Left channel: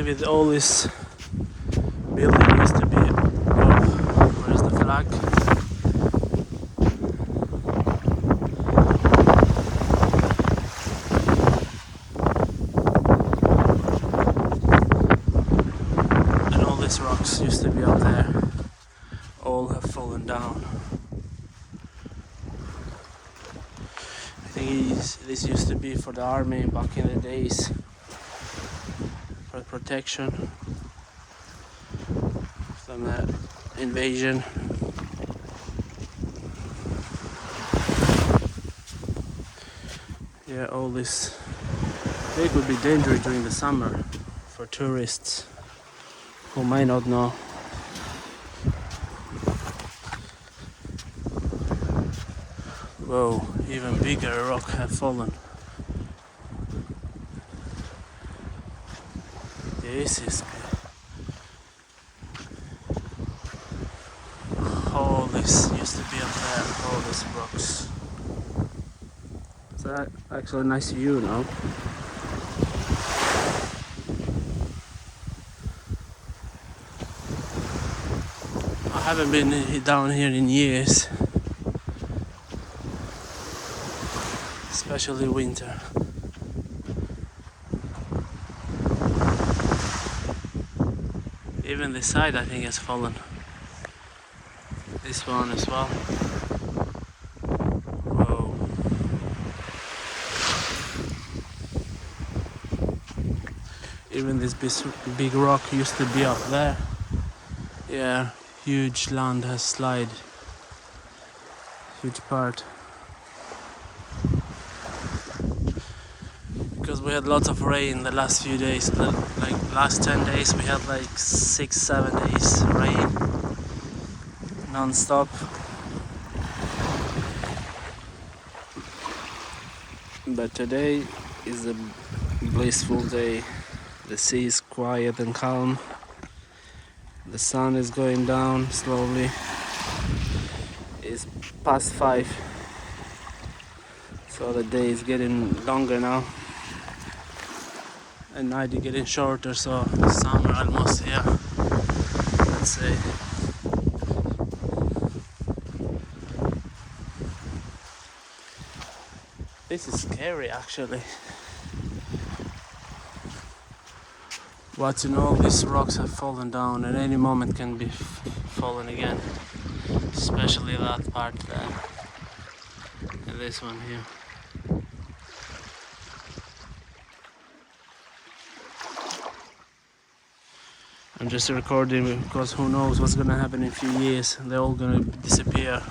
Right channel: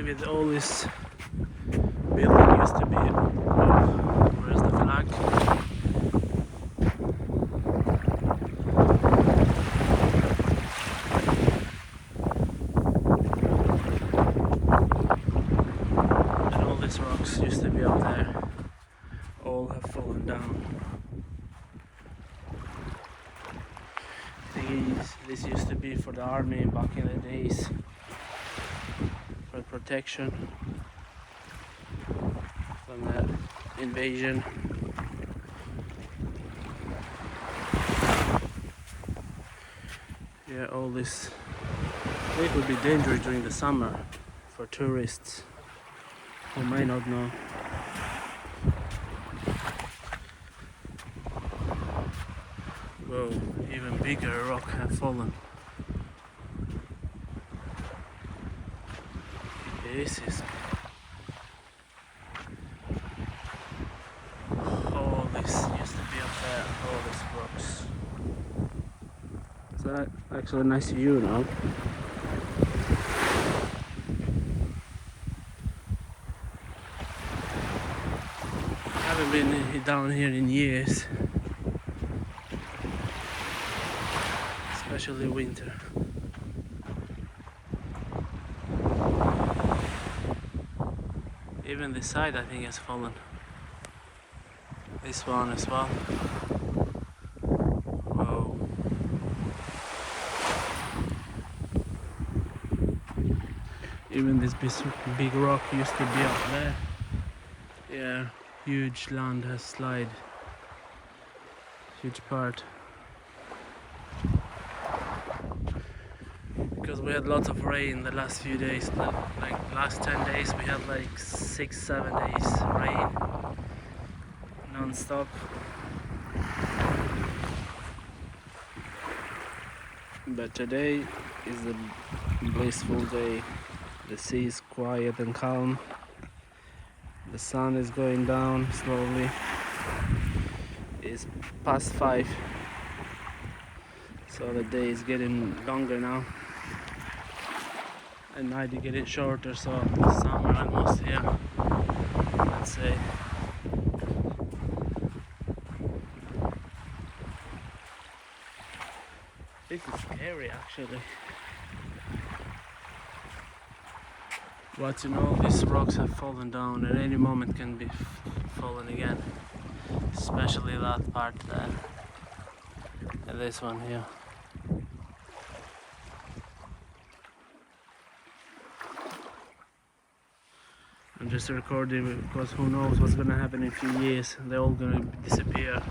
believe it, all this building used to be where's the flag? And all these rocks used to be up there, all have fallen down. This used to be for the army back in the days, for protection from the invasion. Yeah, all this, it could be dangerous during the summer for tourists who might not know. Whoa, even bigger rock have fallen. This is all this used to be up there, all these rocks. It's actually a nice view now. I haven't been down here in years. Especially winter. Even this side I think has fallen. This one as well. Whoa. Even this big rock used to be up there. Yeah, huge land has slid. Huge part. Because we had lots of rain the last few days, like last 10 days we had like 6-7 days rain non-stop. But today is a blissful day. The sea is quiet and calm. The sun is going down slowly. It's past 5, so the day is getting longer now. And night is getting shorter, so summer almost here, let's say. This is scary actually. Watching all these rocks have fallen down, at any moment can be fallen again. Especially that part there. And this one here. I'm just recording because who knows what's gonna happen in a few years. They're all gonna disappear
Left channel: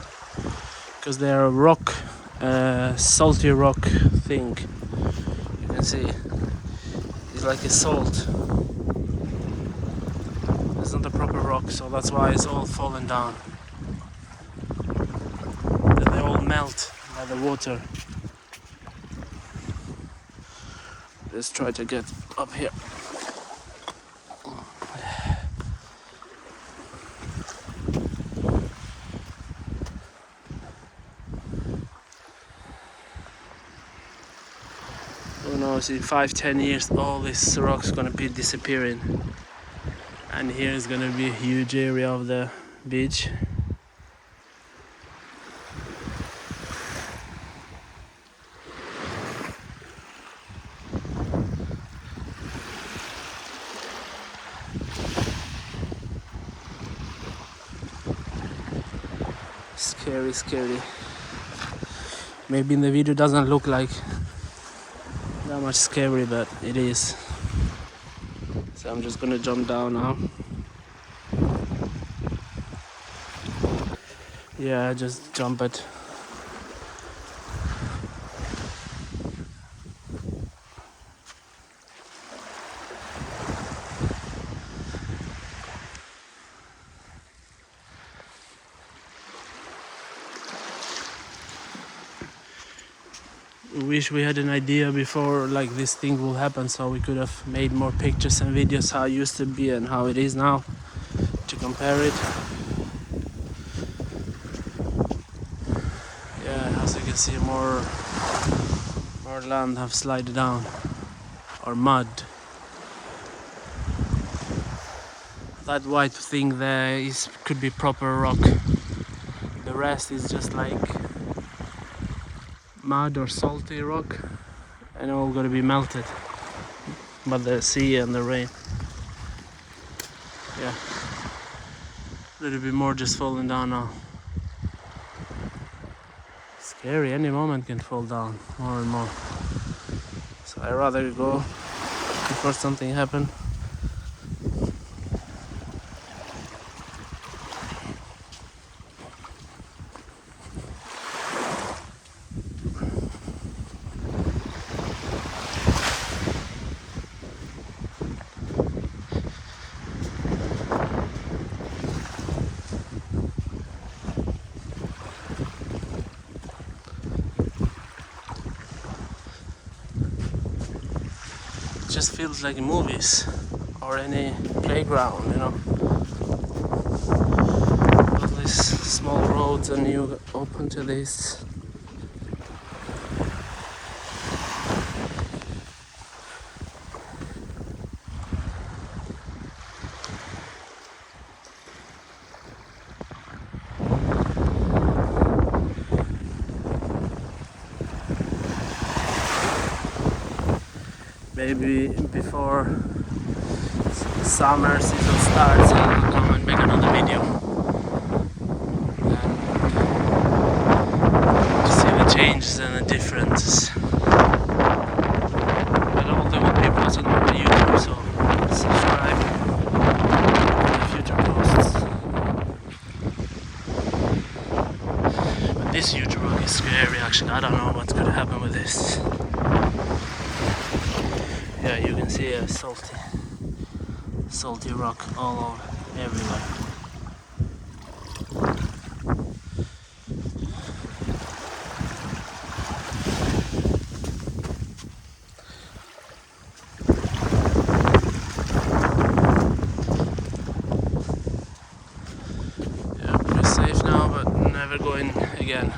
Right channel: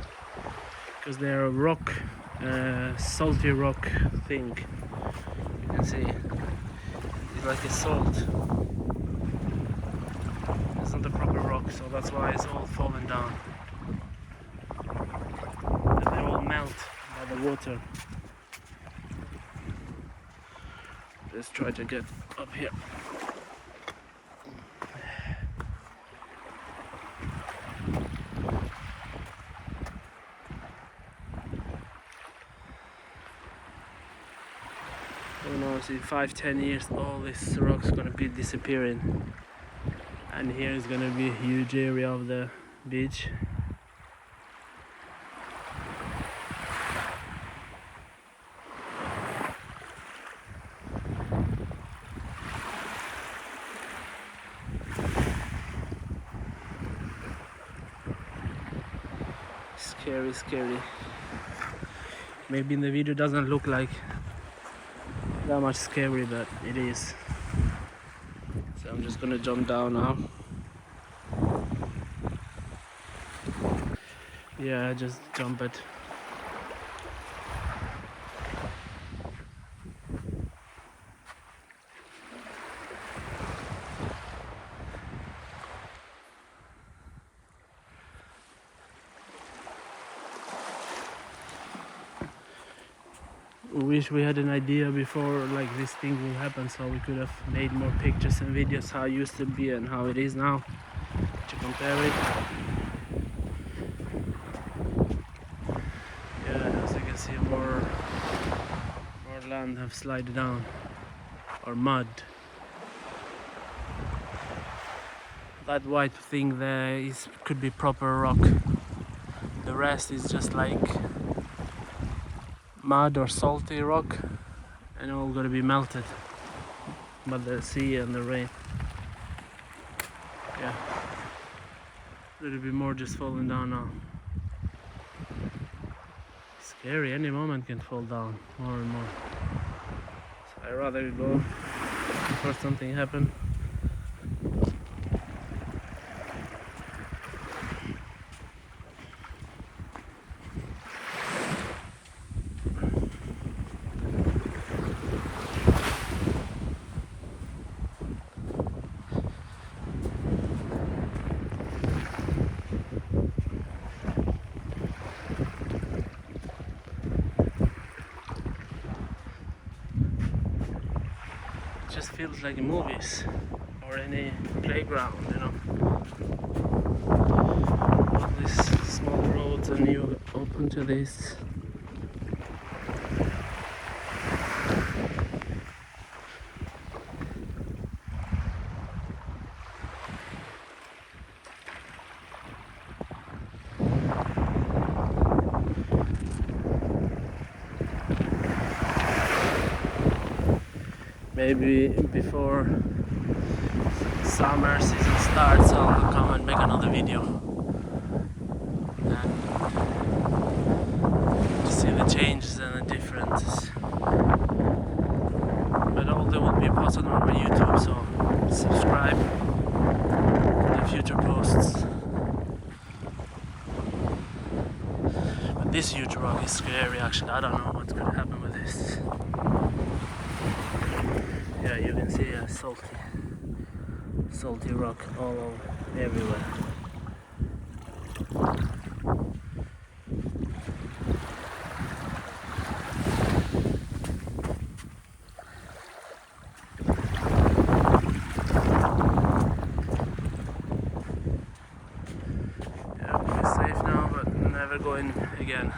because they're a rock, salty rock thing. You can see it's like a salt. It's not a proper rock, so that's why it's all falling down. And they all melt by the water. Let's try to get up here. Who knows, in 5-10 years all these rocks gonna be disappearing, and here is gonna be a huge area of the beach. Scary, scary. Maybe in the video doesn't look like that much scary, but it is. So I'm just gonna jump down now. Yeah, just jump it. Wish we had an idea before like this thing will happen, so we could have made more pictures and videos how it used to be and how it is now to compare it. Yeah, as you can see, more land have slid down, or mud. That white thing there could be proper rock. The rest is just like mud or salty rock, and all gonna be melted by the sea and the rain. Yeah, a little bit more just falling down now. Scary, any moment can fall down more and more. So I'd rather go before something happens. It just feels like in movies or any playground, you know. All these small roads and you open to this. Maybe before summer season starts, I'll come and make another video and to see the changes and the differences. But all they will be posted on my YouTube, so subscribe for the future posts. But this huge rock is scary actually. I don't know what's gonna happen with this. Yeah, you can see a salty rock all over, everywhere. Yeah, we're safe now, but never going again.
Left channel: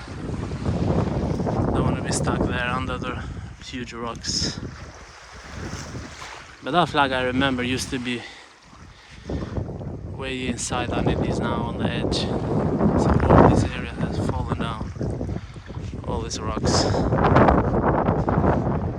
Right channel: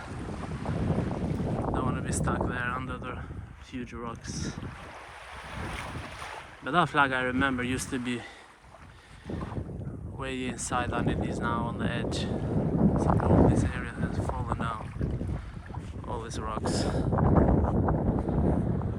Don't want to be stuck there under the huge rocks. But that flag I remember used to be way inside, and it is now on the edge. So all this area has fallen down, all these rocks.